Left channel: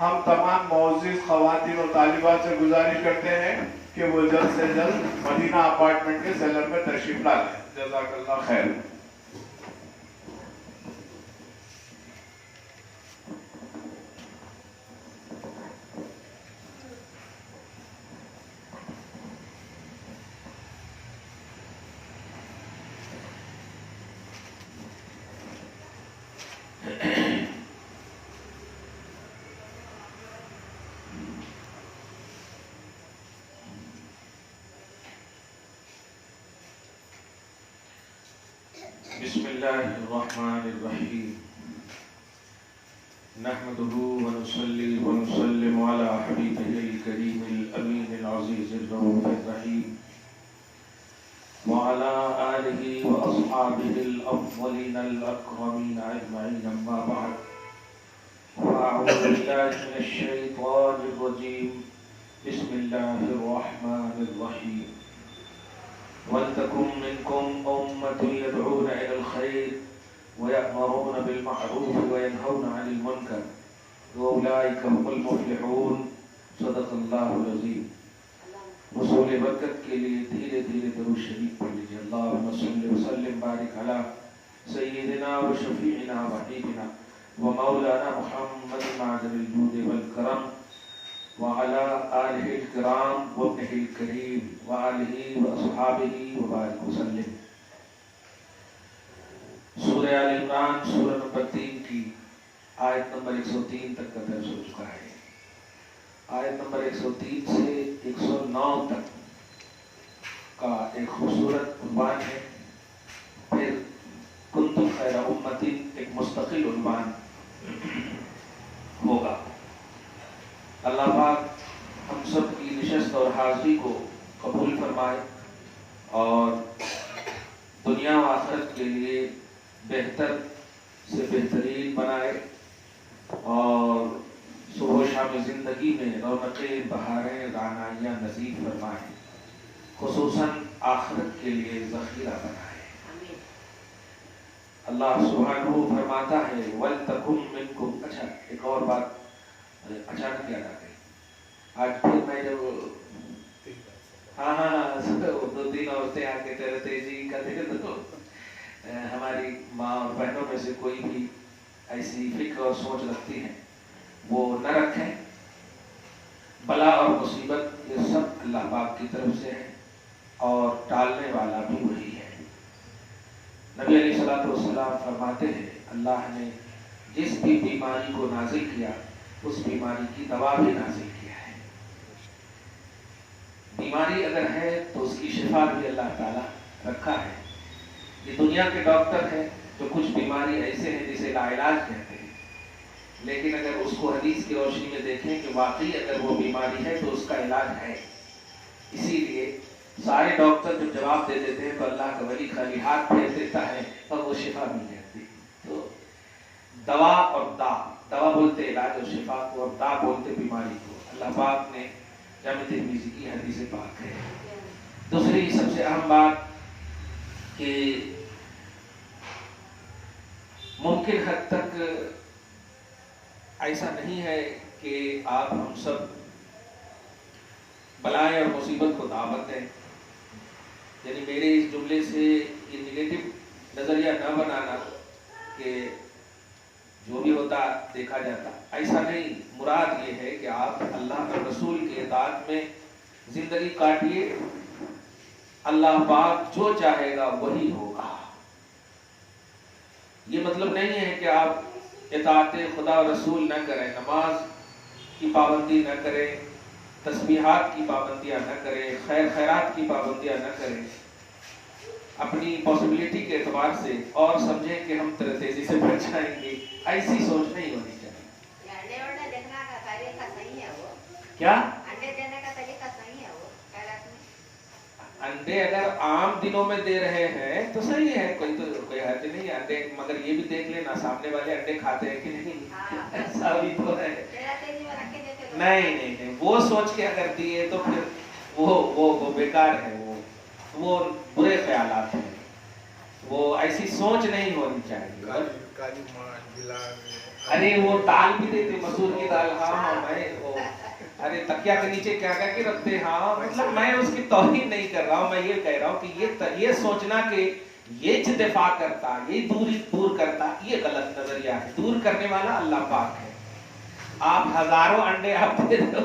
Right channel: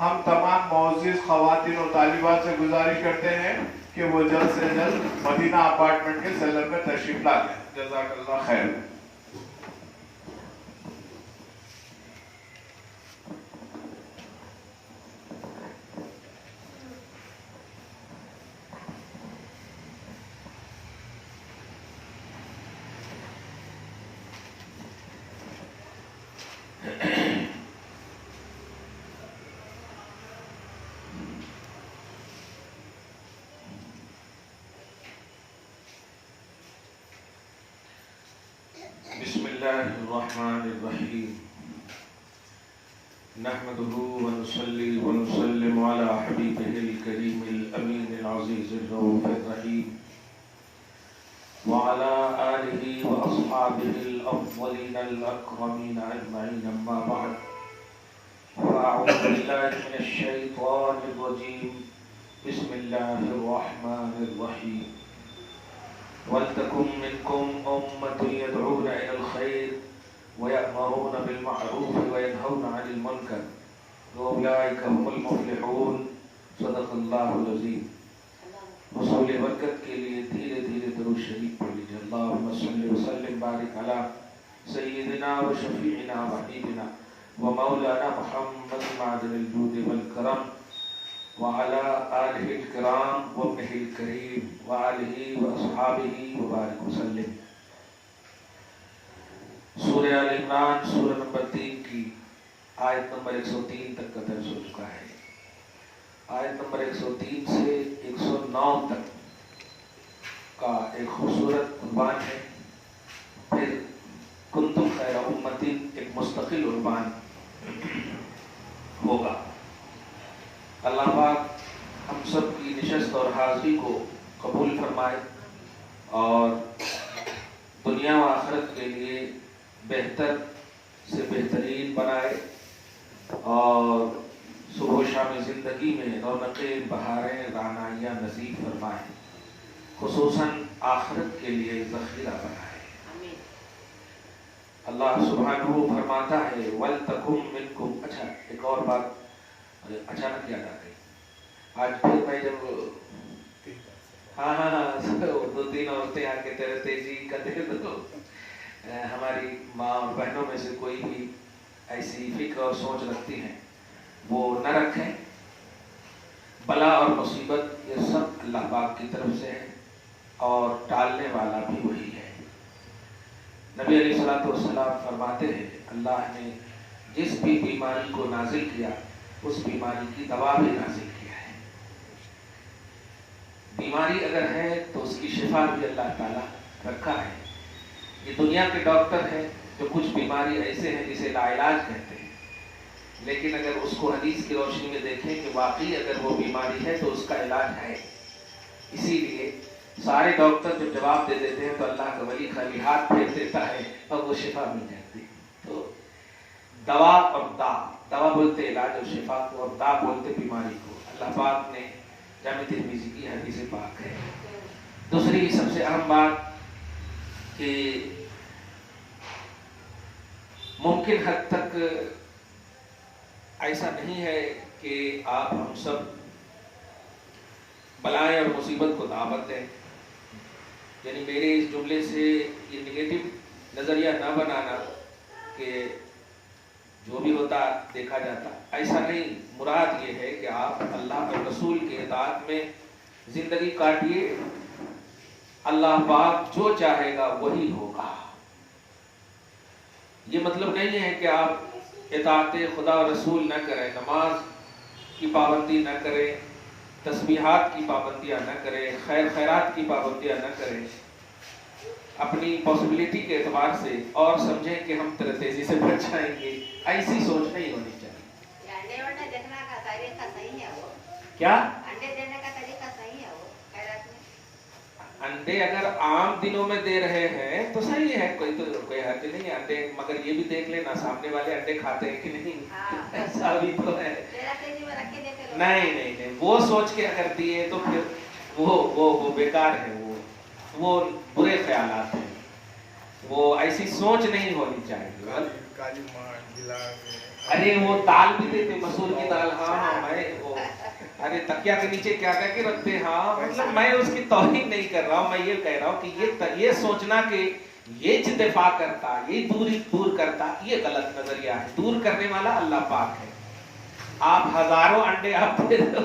ہم تمام معزز خواتین اور طالبات سے گزارش کرتے ہیں کہ وہ جلد سے جلد مدینہ اپارٹمنٹ کے سیلر میں تشریف لا لیں. جزاک اللہ خیر. بسم اللہ الرحمن الرحیم نحمده ونصلي ونسلم على حبیبه الکریم الامین العزیز الرؤوف الرحیم وعلى آلہ واصحابہ الافضلین الاکرمین اجمعین. اما بعد فاعوذ باللہ من الشیطان الرجیم. بسم اللہ الرحمن الرحیم. وَلْتَكُنْ مِنْكُمْ أُمَّةٌ يَدْعُونَ إِلَى الْخَيْرِ وَيَأْمُرُونَ بِالْمَعْرُوفِ وَيَنْهَوْنَ عَنِ الْمُنكَرِ وَأُولَئِكَ هُمُ الْمُفْلِحُونَ. صدق اللہ العظیم. حصول برکت کے لیے دھیرے دھیرے درود شریف پڑھ لیجیے. اللہم صلی وسلم بارک علی سیدنا و شفیعنا و حبیبنا و مولانا محمد معدن الجود والکرم وعلى آلہ الکرام وابنہ الکریم وآلہ واصحابہ وبارک وسلم. سورہ آل عمران سورہ نمبر 3 کی آیت نمبر 103 تک کا درس ہو چکا ہے. آیت نمبر 103 سے 109 تک کا ایک خوبصورت عنوان ہے. پھر کنتم خیر امۃ ایک مستقل عنوان ہوگا. اللہ پاک ہم سب کی نشست اور حاضری کو قبول فرمائے اور دنیا و آخرت کے لیے بہتر سے بہترین بنائے اور صبح و شام زندگی میں رونقیں بہاریں رعنائیاں نصیب فرمائے، خصوصاً آخرت کے لیے ذخیرہ بنائے. اللہ سبحانہ فرماتا ہے وَلْتَكُنْ مِنْكُمْ. اچھا ایک اور بات اچانک یاد آ گئی. آج پھر میں جب دو تین عورتیں آ کے تیزی کرتے تو ہماری ماں اور بہنوں میں سے کوئی بھی ایسی فکر اور سوچ رکھتی ہیں وہ نہ رکھیں. بلا اور مصیبت یہ سب اللہ پاک کی طرف سے ہے اور ٹالنے والا بھی وہی ہے. نبی علیہ الصلوۃ والسلام فرماتے ہیں اللہ نے جس بھی بیماری کو نازل کیا اس بیماری کی دوا بھی نازل کیا ہے. بیماری اگر ہے تو اس کی شفا بھی اللہ تعالیٰ رکھا ہے. یہ دنیا کے ڈاکٹر ہیں جو کچھ بیماری ایسے ہیں جسے لا علاج کہتے ہیں، لیکن اگر اس کو حدیث کی روشنی میں دیکھیں کہ واقعی اگر وہ بیماری ہے تو اس کا علاج ہے. اسی لیے سارے ڈاکٹر جب جواب دے دیتے ہیں تو اللہ کا ولی خالی ہاتھ پھیر دیتا ہے اور وہ شفا مل جاتی ہے. تو دوا اور دوا بولتے علاج اور شفا کو اور دا بولتے بیماری کو. اللہ پاک نے جامع ترمذی کی حدیث پاک ہے. دوسری سب سے اہم بات کہ ممکن حد تک ایسا نہیں ہے کہ آپ ہم سب بلائیں اور مصیبت کو دعوت دیں. یعنی میرے اس جملے سے یہ نگیٹو نظریہ نہ بنانا کہ جو بھی ہوتا دیکھا جاتا، ایسا نہیں. مراد یہ ہے کہ آپ اللہ کے رسول کے اطاعت میں زندگی کاٹیے. اللہ پاک جو چاہے گا وہی ہوگا. یہ مطلب نہیں ہے کہ آپ اطاعت خدا و رسول نہ کریں، نماز کی پابندی نہ کریں، تسبیحات کی پابندیاں نہ کریں، خیرات کی پابندیاں نہ کریں، اپنی پاسبلٹی کے اعتبار سے اور سمجھیں کہ ہم تیزی سے بچ جائیں گے. ایسی سوچ نہیں ہونی چاہیے. کیا انڈے اگر عام دنوں میں دے رہے ہیں تو صحیح ہے، کوئی حد نہیں انڈے، مگر یہ بھی دیکھ لینا سامنے والے انڈے کھاتے ہیں کہ نہیں. ایسا بھی تو ہے. نہیں وہ سوچ کے اگر دیے تو پھر وہ بیکار ہے. وہ برے خیالات ہیں. वो ऐसी सोच नहीं होनी चाहिए। काली माँ गिला में अरे वो दाल भी देते, मसूर की दाल, हाँ मैं वो अरे तकिया के नीचे क्या क्या के रखते, हाँ मतलब मैं उसकी तौहीन नहीं कर रहा हूँ, मैं ये कह रहा हूँ कि ये सोचना कि ये दफा करता, ये दूरी दूर करता, ये गलत नजरिया है। दूर करने वाला अल्लाह पाक है। आप हजारों अंडे आप दे दो,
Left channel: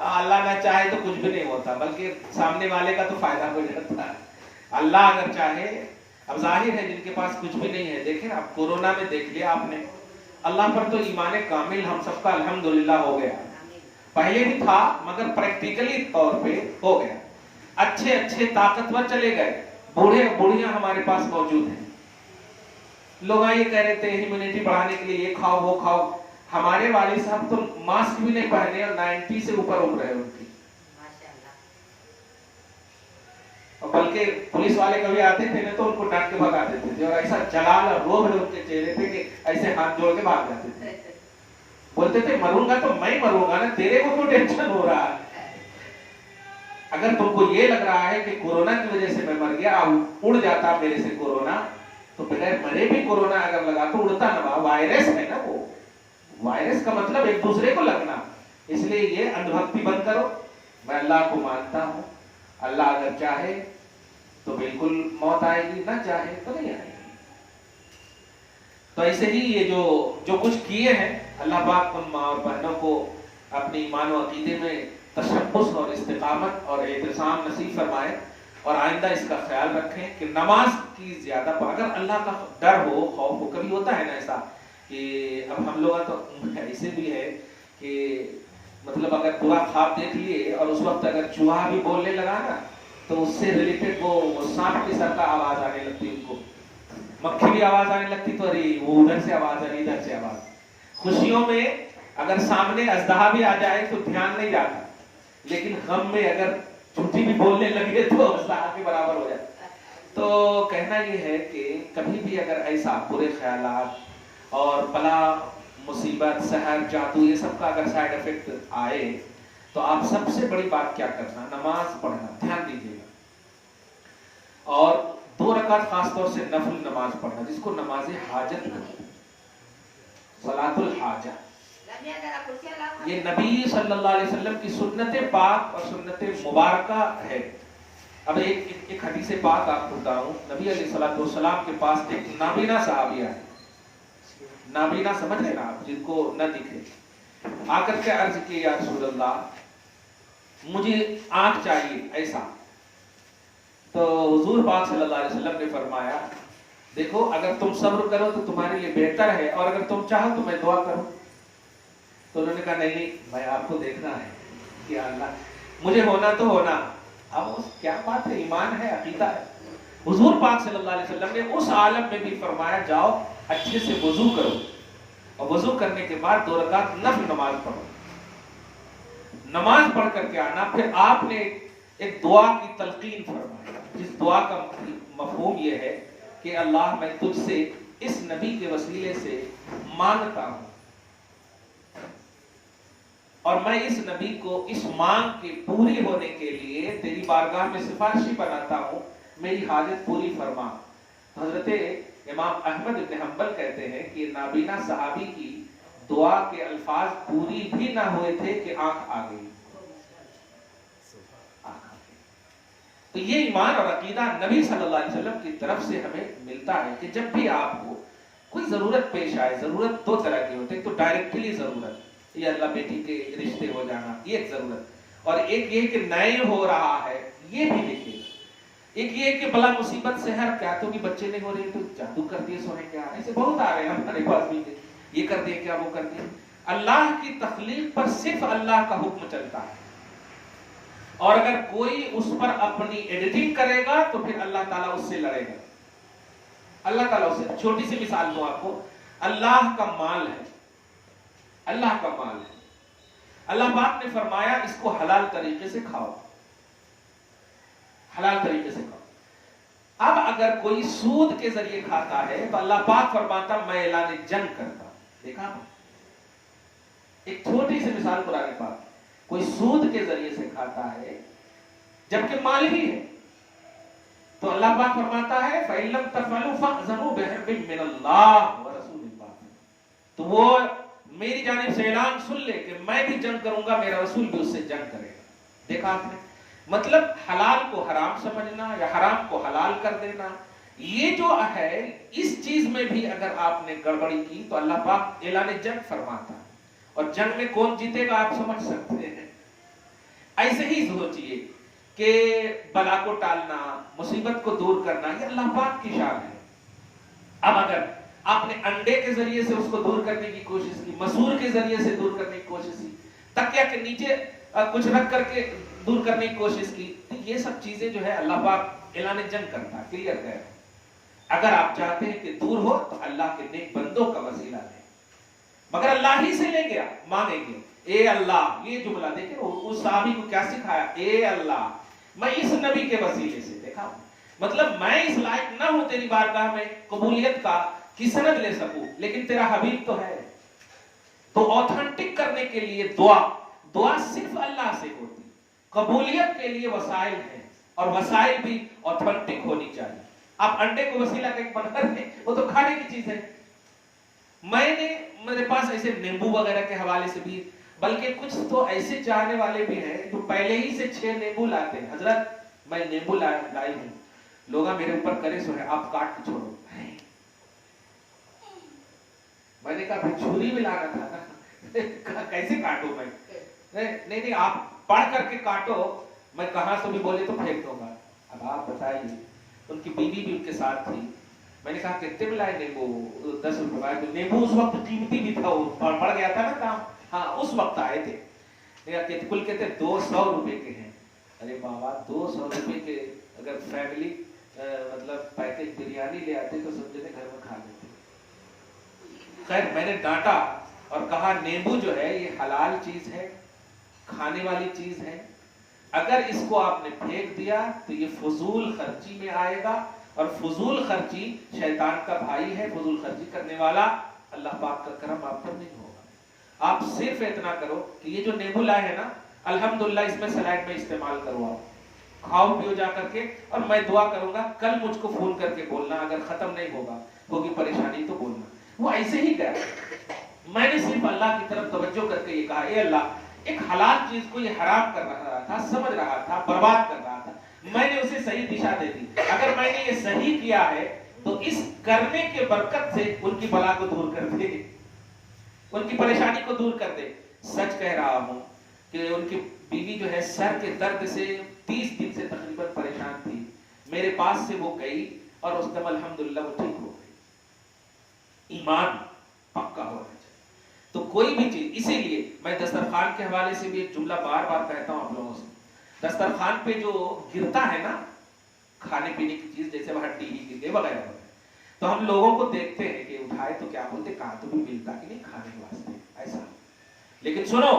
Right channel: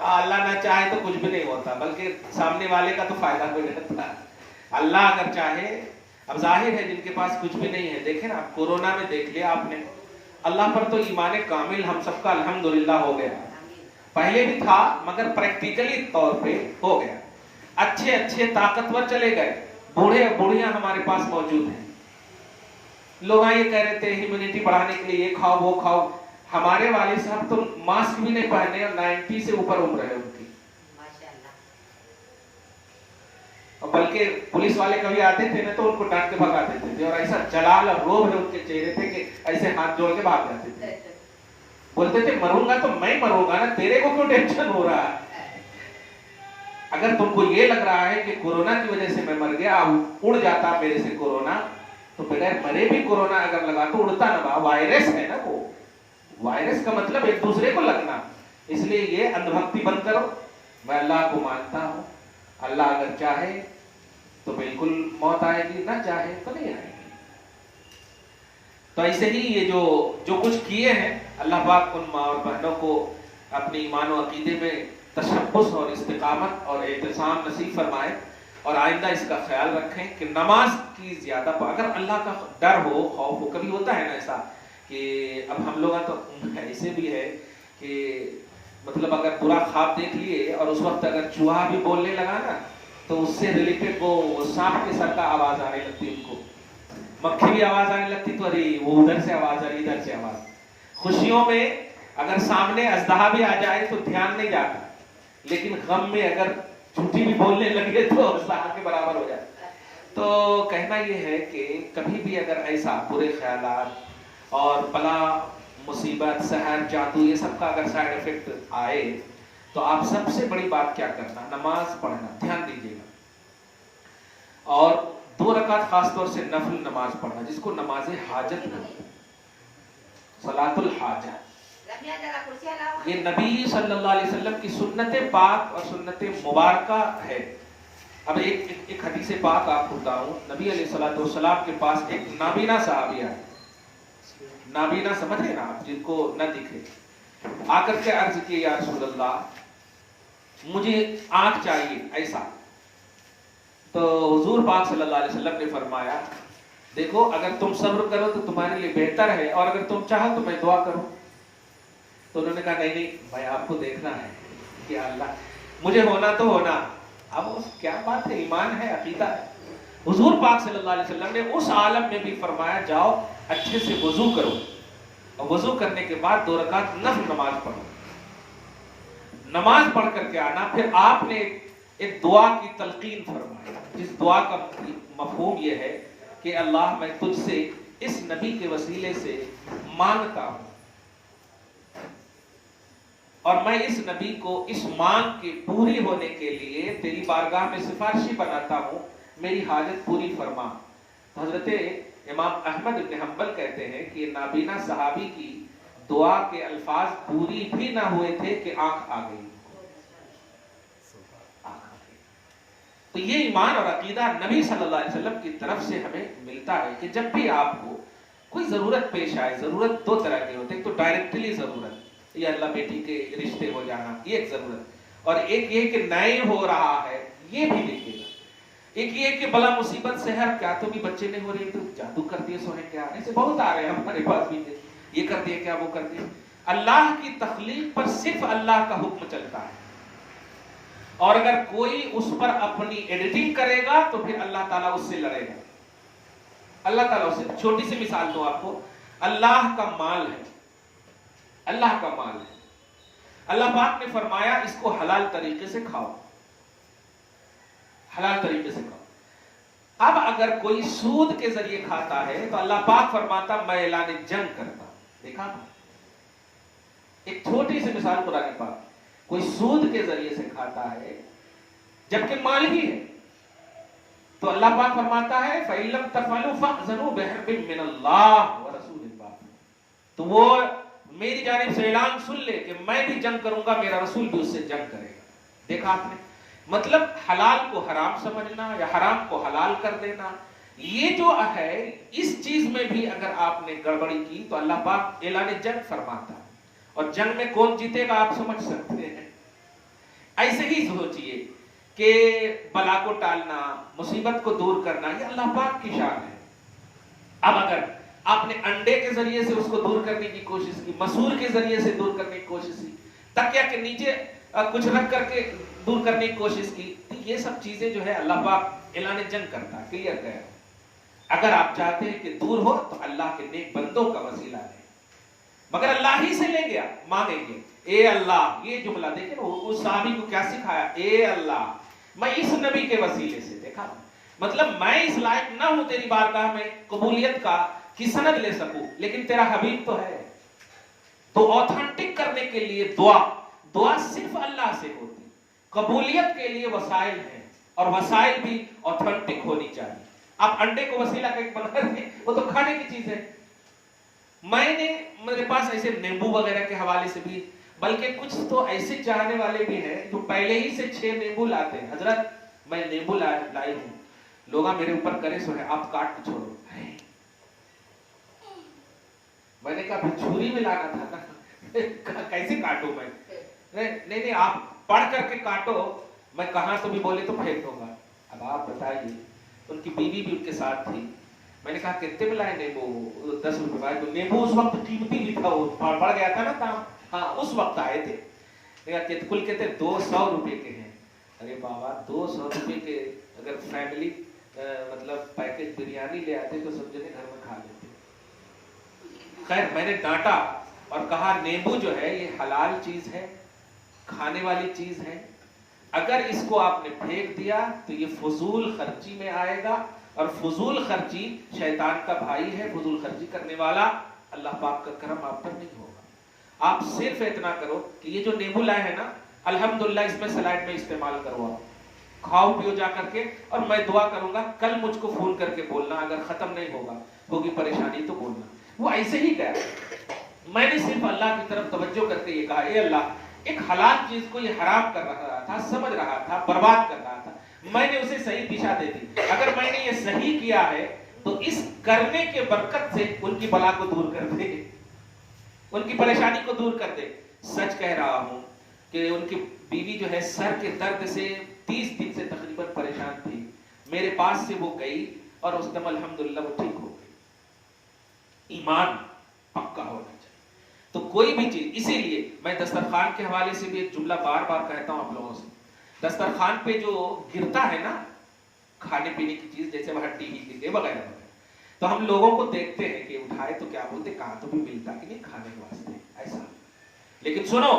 अल्लाह ना चाहे तो कुछ भी नहीं होता, बल्कि सामने वाले का तो फायदा हो जाता है। अल्लाह अगर चाहे, अब जाहिर है जिनके पास कुछ भी नहीं है, देखें ना, अब कोरोना में देख लिया आपने, अल्लाह पर तो ईमान कामिल हम सबका अल्हम्दुलिल्लाह हो गया। पहले भी था मगर प्रैक्टिकली तौर पे हो गया। अच्छे अच्छे ताकतवर चले गए, बूढ़े बूढ़ियां हमारे पास मौजूद हैं। लोग ये कह रहे थे इम्यूनिटी बढ़ाने के लिए ये खाओ वो खाओ। हमारे वाली साहब तो मास्क भी नहीं पहने और 90 से ऊपर उम्र है उनकी, बल्कि पुलिस वाले कभी आते थे ना तो उनको डांट के भगाते थे, और ऐसा जलाल और रोब है उनके चेहरे पे कि ऐसे हाथ जोड़ के भाग जाते थे। बोलते थे मरूंगा तो मैं मरूंगा ना, तेरे को क्यों टेंशन हो रहा है? अगर तुमको ये लग रहा है कि कोरोना की वजह से मैं मर गया, उड़ जाता मेरे से कोरोना, तो बगैर मरे भी कोरोना अगर लगा तो उड़ता ना, वायरस है ना वो। वायरस का मतलब एक दूसरे को लगना। इसलिए ये अंधभक्ति बंद करो। मैं अल्लाह को मानता हूँ, अल्लाह अगर चाहे तो बिल्कुल मौत आएगी, ना चाहे तो नहीं आएगी। तो ऐसे ही ये जो कुछ किए हैं, अल्लाह पाक उन माँ और बहनों को अपने ईमान और अकीदे में तशब्बुस और इस्तिकामत और एहतिसाम नसीब फरमाए, और आइंदा इसका ख्याल रखें कि नमाज की ज्यादा, अगर अल्लाह का डर हो, खौफ हो। कभी होता है ना ऐसा कि अब हम लोग तो ऐसे भी है कि मतलब अगर पूरा ख्वाब देख लिए और उस वक्त अगर चूहा भी बोलने लगा ना, तो उससे रिलेटेड वो सांप के सर का आवाज आने लगती, उनको मक्खी भी आवाज आने लगती, तो अरे वो उधर से आवाज आ रही, इधर से आवाज। खुशियों में अगर सामने अजदहा भी आ जाए तो ध्यान नहीं जाता, लेकिन गम में अगर झूठी भी बोलने लगे तो अजदहा के बराबर हो जाता। तो कहना ये है कि कभी भी अगर ऐसा बुरे ख्यालात और बला मुसीबत सहर जादू ये सब का अगर साइड इफेक्ट आए, तो आप सबसे बड़ी बात क्या करना, नमाज पढ़ना, ध्यान दीजिएगा। और 2 रकात खासतौर से नफल नमाज पढ़ना, जिसको नमाज हाजत कहते, सलातुल हाजा। ये नबी सल्लल्लाहु अलैहि वसल्लम की सुन्नत पाक और सुन्नत मुबारका है। अब एक हदीस पाक आपको बताऊं, नबी अलैहिस्सलातु वस्सलाम के पास एक नाबीना सहाबिया है। नाबीना समझ रहे ना आप, जिनको न दिखे, आकर के अर्ज की, या रसूलल्लाह मुझे आंख चाहिए ऐसा। तो हुजूर पाक सल्लल्लाहु अलैहि वसल्लम ने फरमाया, देखो अगर तुम सब्र करो तो तुम्हारे लिए बेहतर है, और अगर तुम चाहो तो मैं दुआ करूं। तो उन्होंने कहा नहीं, मैं आपको देखना है कि अल्लाह मुझे होना तो होना। अब क्या बात है, ईमान है, अकीदा है। हुजूर पाक सल्लल्लाहु अलैहि वसल्लम ने उस आलम में भी फरमाया, जाओ अच्छे से वजू करो, और वजू करने के बाद 2 रकात नफल नमाज पढ़ो। नमाज पढ़ करके आना, फिर आपने एक दुआ की तलकीन फरमाया, जिस दुआ का मफहूम यह है कि अल्लाह मैं तुझसे इस नबी के वसीले से मांगता हूं, और मैं इस नबी को इस मांग के पूरी होने के लिए तेरी बारगाह में सिफारिशी बनाता हूं, मेरी हाजत पूरी फरमा। हजरत इमाम अहमद इब्न हंबल कहते हैं कि नाबीना सहाबी की दुआ के अल्फाज पूरी भी ना हुए थे कि आंख आ गई। तो ये ईमान और अकीदा नबी सल्लल्लाहु अलैहि वसल्लम की तरफ से हमें मिलता है कि जब भी आपको कोई जरूरत पेश आए, जरूरत 2 तरह की होती है, तो डायरेक्टली जरूरत, ये अल्लाह बेटी के रिश्ते हो जाना, ये एक जरूरत, और एक ये कि नए हो रहा है, ये भी देखिएगा। एक ये कि बला मुसीबत से है, क्या तो भी बच्चे नहीं हो रहे तो जादू कर दिए सोने, क्या ऐसे बहुत आ रहे हैं हमारे पास भी, ये कर दिए क्या वो कर दिए। अल्लाह की तख्लीक पर सिर्फ अल्लाह का हुक्म चलता है, और अगर कोई उस पर अपनी एडिटिंग करेगा तो फिर अल्लाह ताला उससे लड़ेगा। अल्लाह ताला उससे, छोटी सी मिसाल दो आपको, अल्लाह का माल है, अल्लाह का माल है, अल्लाह पाक ने फरमाया इसको हलाल तरीके से खाओ, हलाल तरीके से खाओ। अब अगर कोई सूद के जरिए खाता है तो अल्लाह पाक फरमाता मैं ऐलान जंग करता। देखा ना, एक छोटी सी मिसाल कुरान पाक, कोई सूद के जरिए से खाता है जबकि माल ही है, तो अल्लाह पाक फरमाता है फ़इल्लम तफ़अलू फ़अज़नु बिहर्बिन मिनल्लाह व रसूलिल्लाह, तो वो मेरी जानिब से ऐलान सुन ले कि मैं भी जंग करूंगा, मेरा रसूल भी उससे जंग करेगा। देखा आपने, मतलब हलाल को हराम समझना या हराम को हलाल कर देना, ये जो है इस चीज में भी अगर आपने गड़बड़ी की तो अल्लाह पाक ऐलान जंग फरमाता। और जंग में कौन जीतेगा आप समझ सकते हैं। ऐसे ही सोचिए कि बला को टालना, मुसीबत को दूर करना, ये अल्लाह पाक की शान है। अब अगर आपने अंडे के जरिए से उसको दूर करने की कोशिश की, मसूर के जरिए से दूर करने की कोशिश की, तकिया के नीचे कुछ रख करके दूर करने की कोशिश की, तो ये सब चीजें जो है अल्लाह पाक ऐलान जंग करता है, क्लियर कह रहा हूं। अगर आप चाहते हैं कि दूर हो तो अल्लाह के नेक बंदों का वसीला लें, मगर अल्लाह ही से लेंगे, आप मानेंगे ए अल्लाह, ये जुमला देखिए उस साहबी को क्या सिखाया, ए अल्लाह मैं इस नबी के वसीले से, देखा मतलब मैं इस लायक ना हूं तेरी बारगाह में कबूलियत का कि सनद ले सकूं, लेकिन तेरा हबीब तो है। तो ऑथेंटिक करने के लिए दुआ सिर्फ अल्लाह से होती, कबूलियत के लिए वसाइल है और वसाइल भी ऑथेंटिक होनी चाहिए। आप अंडे को वसीला कहीं बना रहे, वो तो खाने की चीज है। मेरे पास ऐसे नींबू वगैरह के हवाले से भी, बल्कि कुछ तो ऐसे चाहने वाले भी हैं जो पहले ही से 6 नींबू लाते हैं, हजरत मैं नींबू लाई हूं, लोग मेरे ऊपर करे सो है, आप काट के छोड़ो। मैंने कहा छुरी में लाना था ना कैसे काटू मैं, नहीं आप पढ़ करके काटो, मैं कहां से भी बोले तो फेंक दूंगा। अब आप बताइए, उनकी बीवी भी उनके साथ थी, मैंने कहा कितने में लाए नींबू, 10 रुपए। तो नींबू उस वक्त कीमती भी था, पड़ गया था ना काम, हाँ उस वक्त आए थे, कुल कहते 200 रुपए के हैं। अरे बाबा 200 रुपए के अगर फैमिली मतलब पैकेज बिरयानी ले आते तो सब जने घर में खा लेते। खैर मैंने डांटा और कहा नींबू जो है ये हलाल चीज है, खाने वाली चीज है, अगर इसको आपने फेंक दिया तो ये फजूल खर्ची में आएगा, और फजूल खर्ची शैतान का भाई है, फजूल खर्ची करने वाला अल्लाह पाक का करम आप पर नहीं होगा। आप सिर्फ इतना करो कि ये जो नींबू लाए है ना, अल्हम्दुलिल्लाह इसमें सलाद में इस्तेमाल करो, आप खाओ पियो जा करके, और मैं दुआ करूंगा कल मुझको फोन करके बोलना, अगर खत्म नहीं होगी परेशानी तो बोलना। वो ऐसे ही कहा, मैंने सिर्फ अल्लाह की तरफ तवज्जो करते ये कहा, ए अल्लाह एक हलाल चीज को ये हराम कर रहा था, समझ रहा था, बर्बाद कर रहा था, मैंने उसे सही दिशा दे दी। अगर मैंने ये सही किया है तो इस करने के बरकत से उनकी बला को दूर कर दे, उनकी परेशानी को दूर कर दे। सच कह रहा हूं कि उनकी बीवी जो है सर के दर्द से 30 दिन से तकरीबन परेशान थी, मेरे पास से वो गई और उस दम अल्हम्दुलिल्लाह वो ठीक हो गई। ईमान पक्का होना चाहिए। तो कोई भी चीज, इसीलिए मैं दस्तरखान के हवाले से भी एक जुमला बार बार कहता हूं आप लोगों से, दस्तरखान पे जो गिरता है ना खाने पीने की चीज, जैसे हड्डी की वगैरह, तो हम लोगों को देखते हैं कि उठाए तो क्या बोलते, कहां तो भी मिलता कि नहीं खाने के वास्ते ऐसा। लेकिन सुनो,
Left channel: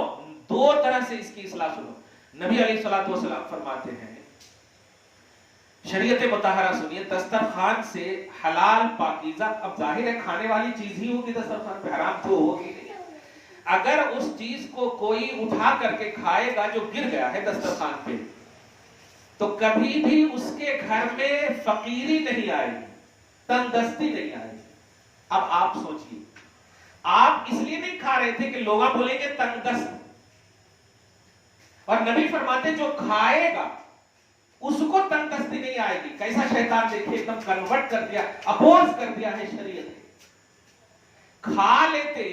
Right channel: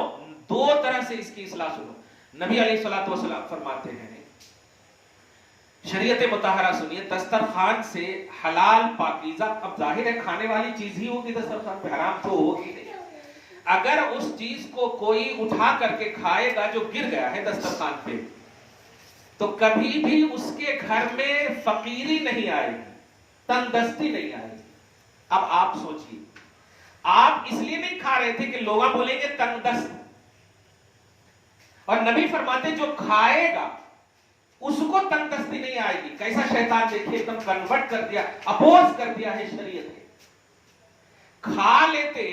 2 तरह से इसकी इस्लाह सुनो। नबी अलैहिस्सलातु वस्सलाम फरमाते हैं, शरीयत मुतहरा सुनिए, दस्तरखान से हलाल पाकीज़ा, अब जाहिर है खाने वाली चीज ही होगी दस्तरखान पे, हराम तो होगी नहीं। अगर उस चीज को कोई उठा करके खाएगा जो गिर गया है दस्तरखान पे, तो कभी भी उसके घर में फकीरी नहीं आएगी, तंगदस्ती नहीं आएगी। अब आप सोचिए, आप इसलिए नहीं खा रहे थे कि लोग बोलेंगे तंगदस्त, और नबी फरमाते जो खाएगा उसको तंगदस्ती नहीं आएगी। कैसा शैतान देखिए एकदम कन्वर्ट कर दिया, अपोज कर दिया है शरीयत के। खा लेते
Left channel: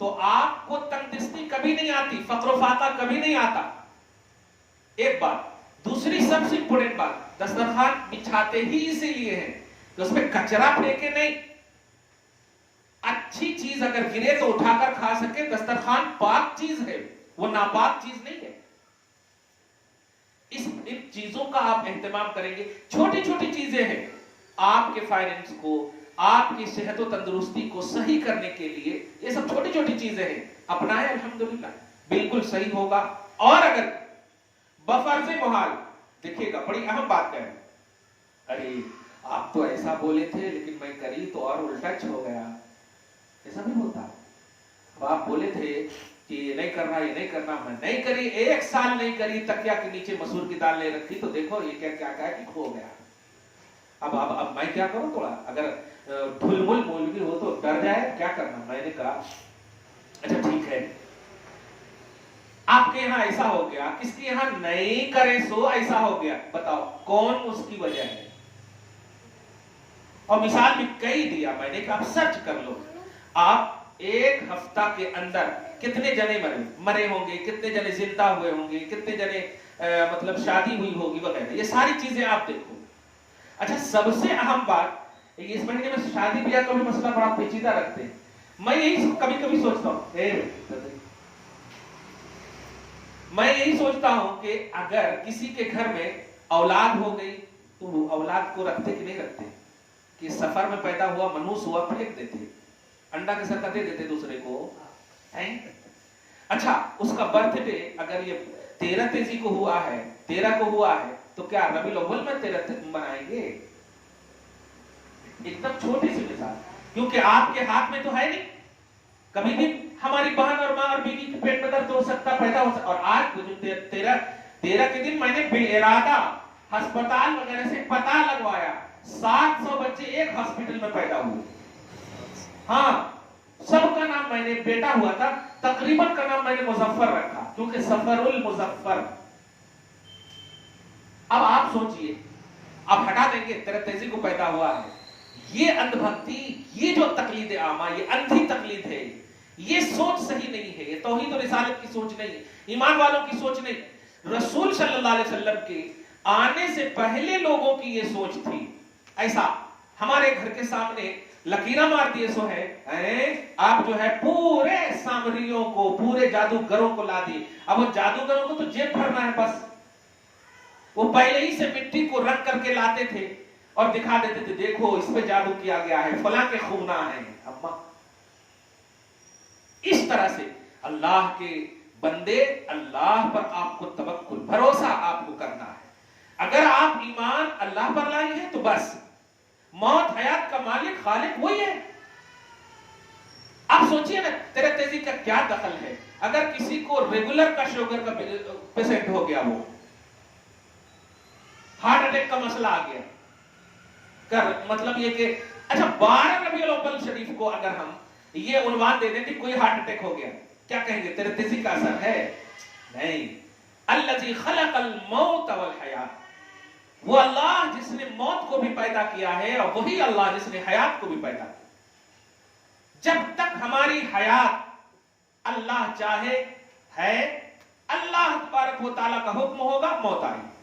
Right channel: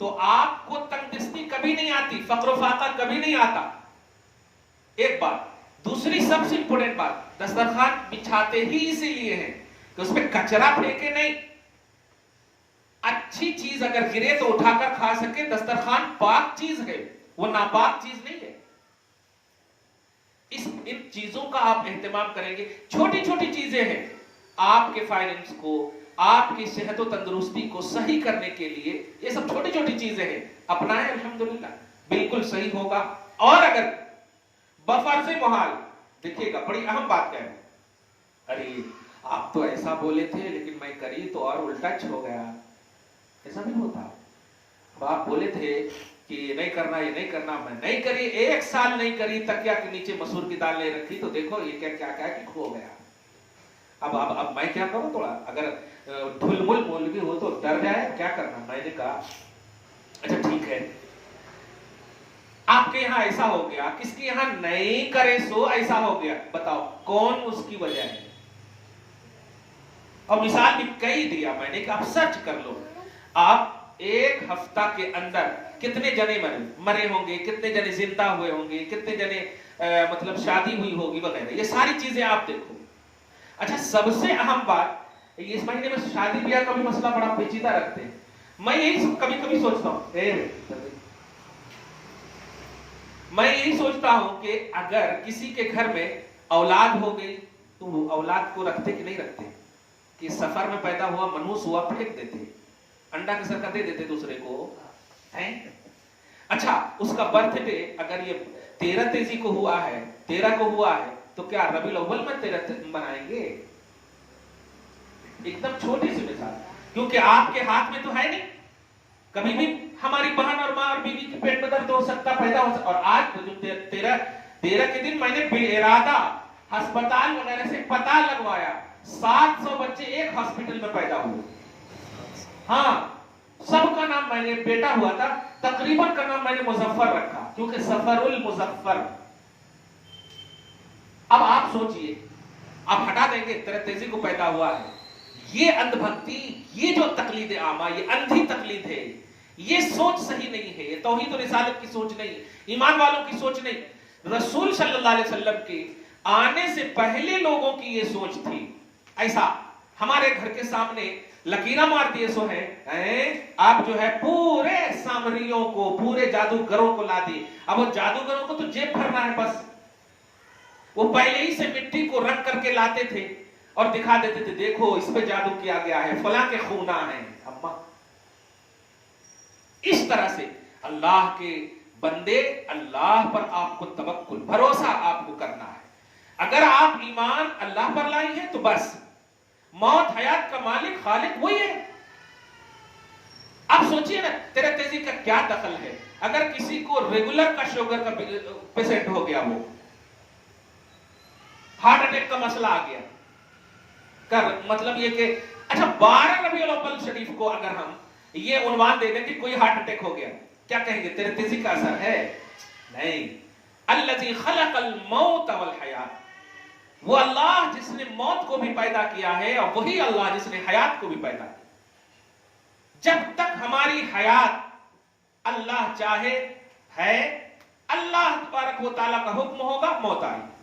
तो आपको तंगदस्ती कभी नहीं आती, फक्र फाका कभी नहीं आता, एक बात। दूसरी सबसे इंपोर्टेंट बात, दस्तरखान बिछाते ही इसीलिए है कि उसमें कचरा फेंके नहीं, अच्छी चीज अगर गिरे तो उठाकर खा सके। दस्तरखान पाक चीज है, वो नापाक चीज नहीं है। इन चीजों का आप एहतमाम करेंगे, छोटी छोटी चीजें हैं, आपके फाइनेंस को, आपकी सेहत और तंदुरुस्ती को सही करने के लिए ये सब छोटी छोटी चीजें हैं, अपनाएं, अल्हम्दुलिल्लाह बिल्कुल सही होगा। और अगर बफर्ज़े मुहाल, देखिएगा बड़ी अहम बात है, अरे आप तो ऐसा बोले थे लेकिन मैं करी तो और उल्टा हो गया, ऐसा नहीं होता। अब आप बोले थे कि ये नहीं करना, ये नहीं करना, मैं नहीं करी, 1 साल नहीं करी, तकिया के नीचे मसूर की दाल ले रखी, तो देखो ये क्या क्या क्या खो गया। अब मैं क्या करूं, थोड़ा अगर ढुलमुल मौलवी हो तो डर जाए, क्या करना। मैंने कहा अच्छा ठीक है, आपके यहाँ ऐसा हो गया, किसके यहाँ नहीं करे सो ऐसा हो गया, बताओ कौन उसकी वजह है। और मिसाल भी कई दिया मैंने, आप सर्च कर लो, आप एक हफ्ता के अंदर कितने जने मरे होंगे, कितने जने जिंदा हुए होंगे, कितने जने मतलब शादी हुई होगी वगैरह, ये सारी चीजें आप देखो। अच्छा सबसे अहम बात, इस महीने में शादी ब्याह का भी मसला बड़ा पेचीदा रखते हैं। मैं यही कभी कभी सोचता हूँ, मैं यही सोचता हूं कि अगर किसी के घर में औलाद हो गई तो वो औलाद को रखते कि नहीं रखते, कि सफर में पैदा हुआ मनूस हुआ फेंक देते, अंडा के सर का दे देते दूसरे को है। अच्छा उसका बर्थडे अगर ये 13 तेजी को हुआ है, 13 को हुआ है, तो क्या रबीउल अव्वल में 13 मनाएंगे। एकदम छोटी सी मिसाल, क्योंकि आपके हाथ में तो है नहीं, कभी भी हमारी बहन और माँ और बीवी के पेट में दर्द हो सकता, पैदा हो सकता। और आज जो 13 के दिन मैंने बेइरादा अस्पताल वगैरह से पता लगवाया, 700 बच्चे एक हॉस्पिटल में पैदा हुए। हाँ सबका नाम मैंने, बेटा हुआ था तकरीबन का नाम मैंने मुजफ्फर रखा, क्योंकि सफरुल मुजफ्फर। अब आप सोचिए, आप हटा देंगे 13 तेजी को पैदा हुआ है, ये अंधभक्ति, ये जो तकलीद आमा, ये अंधी तकलीद है, ये सोच सही नहीं है, ये तौहीद और रिसालत की सोच नहीं, ईमान वालों की सोच नहीं। रसूल सल्लल्लाहु अलैहि वसल्लम के आने से पहले लोगों की ये सोच थी। ऐसा हमारे घर के सामने लकीरा मार दिए सो है, आप जो है पूरे सामरियों को, पूरे जादूगरों को ला दिए। अब वो जादूगरों को तो जेब भरना है बस, वो पहले ही से मिट्टी को रख करके लाते थे और दिखा देते थे, देखो इस पे जादू किया गया है, फला के खूना है। अम्मा इस तरह से अल्लाह के बंदे, अल्लाह पर आपको तवक्कुल, भरोसा आपको करना है। अगर आप ईमान अल्लाह पर लाए हैं तो बस, मौत हयात का मालिक खालिक वही है। आप सोचिए ना, 13 तेजी का क्या दखल है। अगर किसी को रेगुलर का शुगर का पेशेंट हो गया, वो हार्ट अटैक का मसला आ गया, कर मतलब ये कि अच्छा 12 रबीउल अव्वल शरीफ को अगर हम ये उन्वान दे दें कि कोई हार्ट अटैक हो गया, क्या कहेंगे 13 तेजी का असर है? नहीं। अल्लज़ी खलक़ल मौत वल हयात, वो अल्लाह जिसने मौत को भी पैदा किया है और वही अल्लाह जिसने हयात को भी पैदा किया। जब तक हमारी हयात अल्लाह चाहे है, अल्लाह तबारक व तआला का हुक्म होगा, मौत आएगी।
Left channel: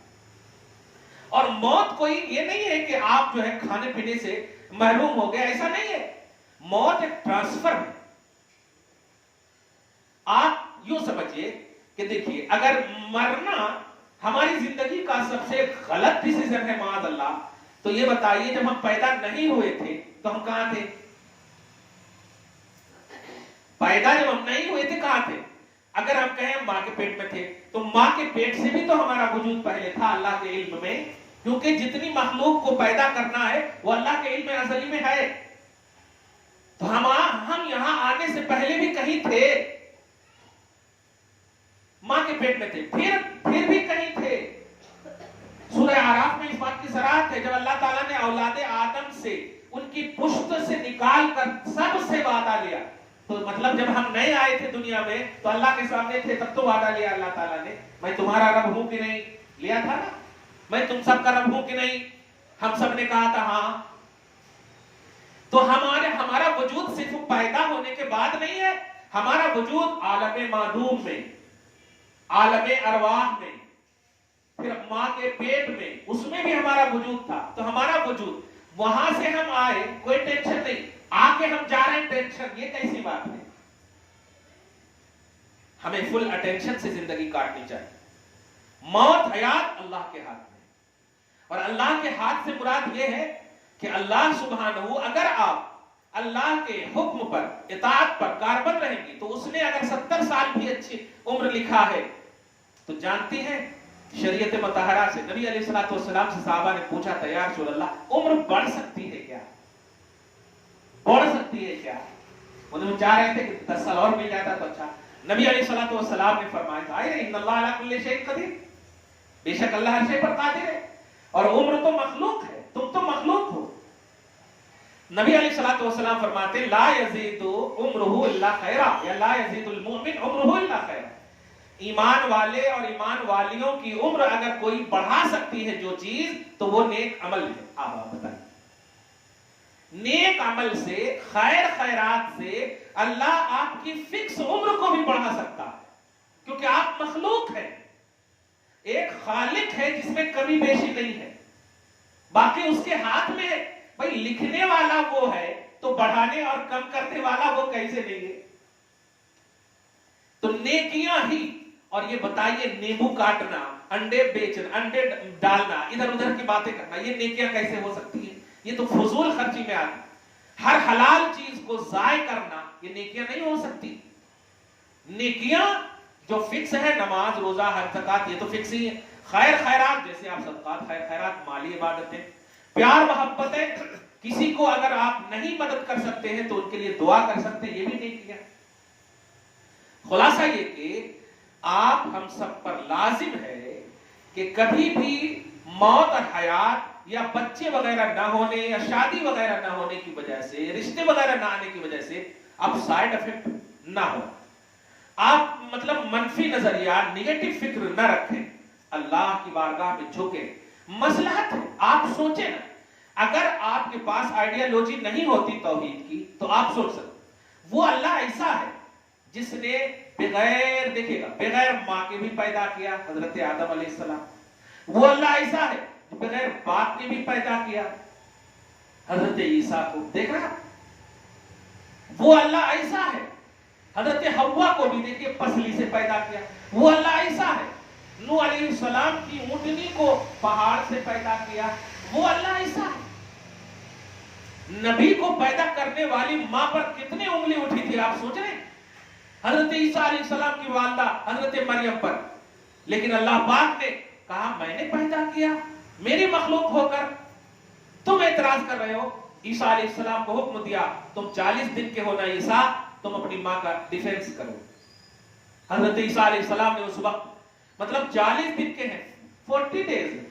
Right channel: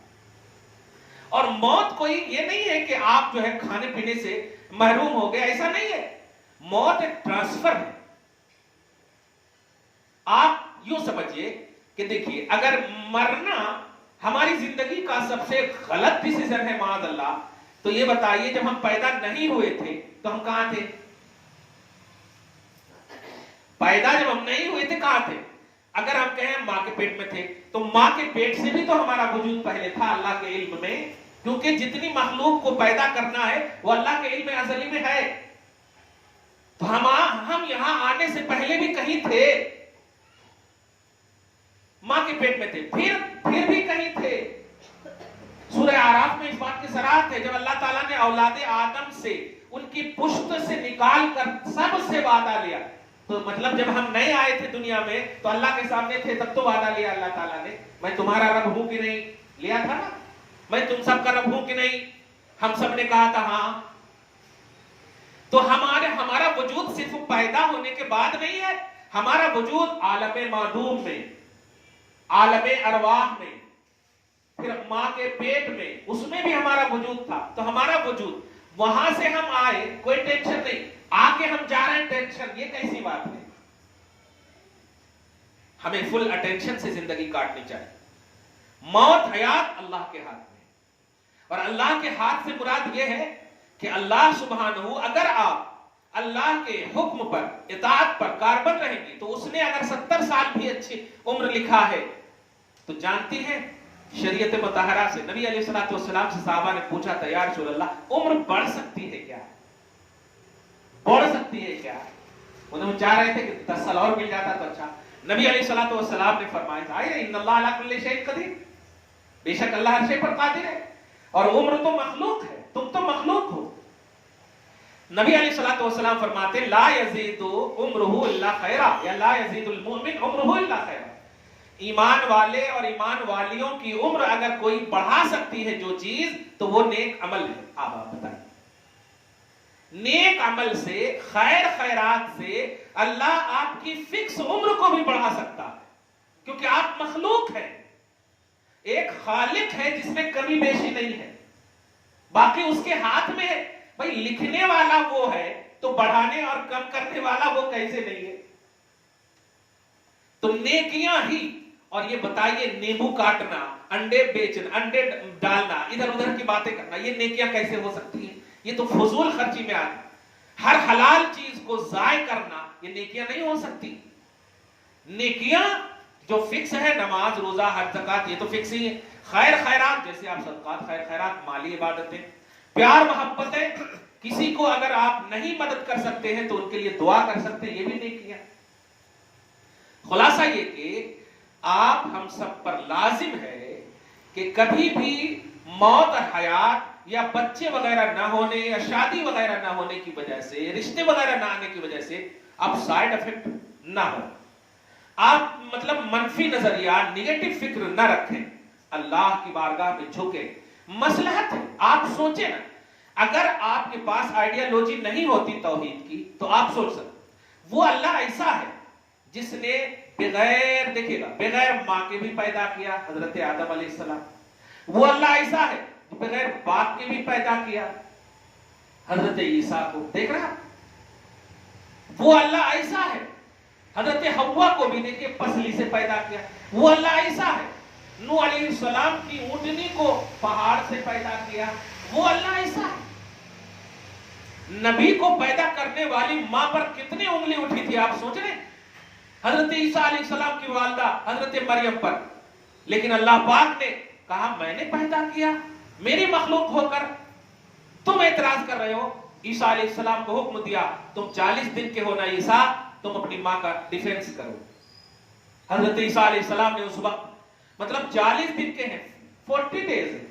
और मौत कोई ये नहीं है कि आप जो है खाने पीने से महरूम हो गए, ऐसा नहीं है। मौत एक ट्रांसफर है। आप यूं समझिए कि देखिए, अगर मरना हमारी जिंदगी का सबसे गलत डिसीजन है माद अल्लाह, तो ये बताइए जब हम पैदा नहीं हुए थे तो हम कहां थे? पैदा जब हम नहीं हुए थे कहां थे? अगर हम कहें मां के पेट में थे, तो मां के पेट से भी तो हमारा वजूद पहले था अल्लाह के इल्म में, क्योंकि जितनी मखलूक को पैदा करना है वो अल्लाह के इल्म अज़ली में है। तो हम यहां आने से पहले भी कहीं थे, मां के पेट में थे, फिर भी कहीं थे। सूरह आराफ में इस बात की सराहत है, जब अल्लाह ताला ने औलादे आदम से उनकी पुश्त से निकाल कर सबसे वादा लिया, तो मतलब जब हम नए आए थे दुनिया में तो अल्लाह के सामने थे, तब तो वादा लिया अल्लाह ताला ने, मैं तुम्हारा रब हूं कि नहीं, लिया था ना, मैं तुम सबका रब हूं कि नहीं, हम सब ने कहा था हाँ। तो हमारा वजूद सिर्फ पैदा होने के बाद नहीं है, हमारा वजूद आलम मादूम में, आलम अरवाह में, फिर मां के पेट में, उसमें भी हमारा वजूद था। तो हमारा वजूद, वहां से हम आए, कोई टेंशन नहीं, आके हम जा रहे हैं टेंशन, ये कैसी बात है? हमें फुल अटेंशन से जिंदगी काटनी चाहिए। मौत हयात अल्लाह के हाथ में, और अल्लाह के हाथ से मुराद यह है कि अल्लाह सुब्हानहू, अगर आप अल्लाह के हुक्म पर, इताअत पर कारबंद रहेंगी, तो उसने अगर 70 साल भी अच्छी उम्र लिखा है, तो जानती हैं शरीयत मुतहरा से, नबी अलैहिस्सलातु वस्सलाम से साहबा ने पूछा था, या रसूल अल्लाह, उम्र बढ़ सकती है क्या? बढ़ सकती है क्या? उन्होंने चाह रहे थे कि 10 साल और मिल जाता तो अच्छा। नबी अलैहिस्सलातु वस्सलाम ने फरमाया था, इन्नल्लाह अला कुल्ली शैइन कदीर, बेशक अल्लाह हर शे पर कादिर है, और उम्र तो मखलूक है, तुम तो मखलूक हो। नबी अलैहिस्सलातु वस्सलाम फरमाते ला यज़ीदु उम्रुहु इल्ला खैरा, या ला यज़ीदुल मुमिन उम्रुहु इल्ला खैरा। ईमान वाले और ईमान वालियों की उम्र अगर कोई बढ़ा सकती है जो चीज, तो वो नेक अमल है। आप बताइए, नेक अमल से, खैर खैरात से अल्लाह आपकी फिक्स उम्र को भी बढ़ा सकता है, क्योंकि आप मखलूक हैं। एक खालिक है जिसमें कमी बेशी नहीं है, बाकी उसके हाथ में है। भाई लिखने वाला वो है, तो बढ़ाने और कम करने वाला वो कैसे नहीं है? तो नेकियां ही, और ये बताइए नींबू काटना, अंडे बेचना, अंडे डालना, इधर उधर की बातें करना, ये नेकियां कैसे हो सकती है? ये तो फजूल खर्ची में आती। हर हलाल चीज को जाय करना, ये नेकियां नहीं हो सकती। नेकियां जो फिक्स है, नमाज, रोजा, हज, ज़कात, ये तो फिक्स ही है। खैर खैरात, जैसे आप सदकात, खैर खैरात, माली इबादतें, प्यार मोहब्बतें, किसी को अगर आप नहीं मदद कर सकते हैं तो उनके लिए दुआ कर सकते हैं, ये भी नेकियां। खुलासा ये कि आप हम सब पर लाजिम है कि कभी भी मौत और हयात या बच्चे वगैरह ना होने या शादी वगैरह ना होने की वजह से, रिश्ते वगैरह ना आने की वजह से आप साइड इफेक्ट ना हो, आप मतलब मनफी नजरिया, निगेटिव फिक्र ना रखें, अल्लाह की बारगाह में झुके। मसलहत है, आप सोचें ना, अगर आपके पास आइडियोलॉजी नहीं होती तौहीद की, तो आप सोच सकते वो अल्लाह ऐसा है जिसने बगैर, देखिएगा, बगैर माँ के भी पैदा किया, हजरत आदम अलैहिस्सलाम। वो अल्लाह ऐसा है जो बगैर बाप के भी पैदा किया, हजरत ईसा को। देख रहे हैं, वो अल्लाह ऐसा है, हजरत हव्वा को भी देखिए पसली से पैदा किया। वो अल्लाह ऐसा है, नूह अलैहिस्सलाम की ऊँटनी को पहाड़ से पैदा किया। वो अल्लाह ऐसा है। नबी को पैदा करने वाली मां पर कितनी उंगली उठी थी, आप सोच रहे हैं? हजरत ईसा अलैहिस्सलाम की वालिदा हजरत मरियम पर, लेकिन अल्लाह पाक ने कहा मैंने पैदा किया मेरी मखलूक होकर, तुम एतराज कर रहे हो। ईसा अलैहिस्सलाम को हुक्म दिया, तुम 40 दिन के हो ना ईसा, तुम अपनी मां का डिफेंस करो। हजरत ईसा अलैहिस्सलाम ने उस वक्त, मतलब 40 दिन के हैं, 40 डेज,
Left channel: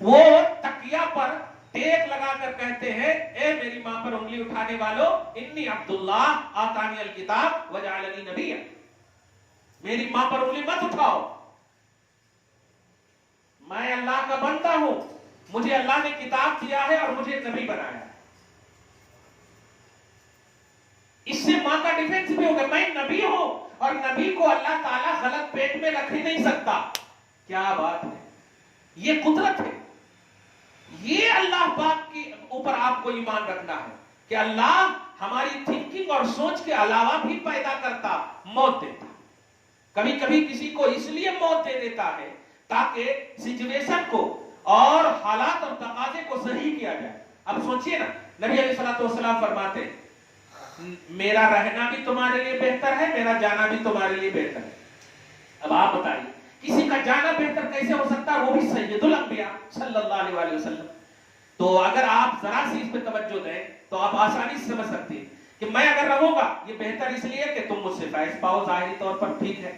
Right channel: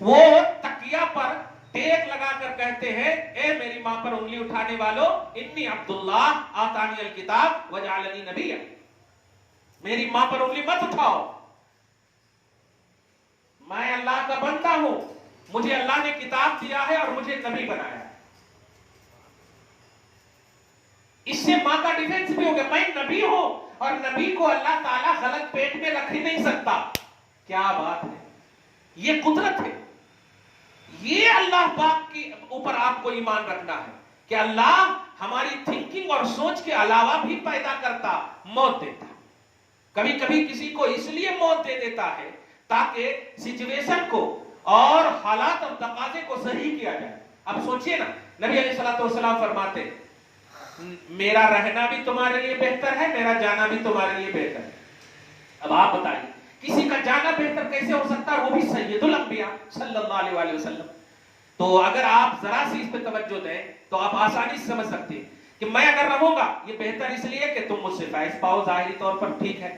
वो तकिया पर टेक लगाकर कहते हैं, ए मेरी मां पर उंगली उठाने वालों, इन्नी अब्दुल्लाह आतानी अल किताब वजअलनी नबिय्या, मेरी मां पर उंगली मत उठाओ, मैं अल्लाह का बंदा हूं, मुझे अल्लाह ने किताब दिया है और मुझे नबी बनाया है। इससे मां का डिफेंस भी हो गया, मैं नबी हूं और नबी को अल्लाह ताला गलत पेट में रख ही नहीं सकता। क्या बात है, ये कुदरत है। ये अल्लाह पाक के ऊपर आपको ईमान रखना है कि अल्लाह हमारी थिंकिंग और सोच के अलावा भी पैदा करता, मौत देता। कभी कभी किसी को इसलिए मौत दे देता है ताकि सिचुएशन को और हालात और तकाजे को सही किया जाए। अब सोचिए ना, नबी अलैहिस्सलाम फरमाते, मेरा रहना भी तुम्हारे लिए बेहतर है, मेरा जाना भी तुम्हारे लिए बेहतर है। अब आप बताइए, किसी का जाना बेहतर कैसे हो सकता है, वो भी सैयदुल अंबिया सल्लल्लाहु अलैहि वसल्लम। तो अगर आप जरा सी इस पे तवज्जो दें तो आप आसानी से समझ सकते हैं कि मैं अगर रहूंगा ये बेहतर इसलिए कि तुम मुझसे फैज पाओ, जाहिरी तौर पर ठीक है,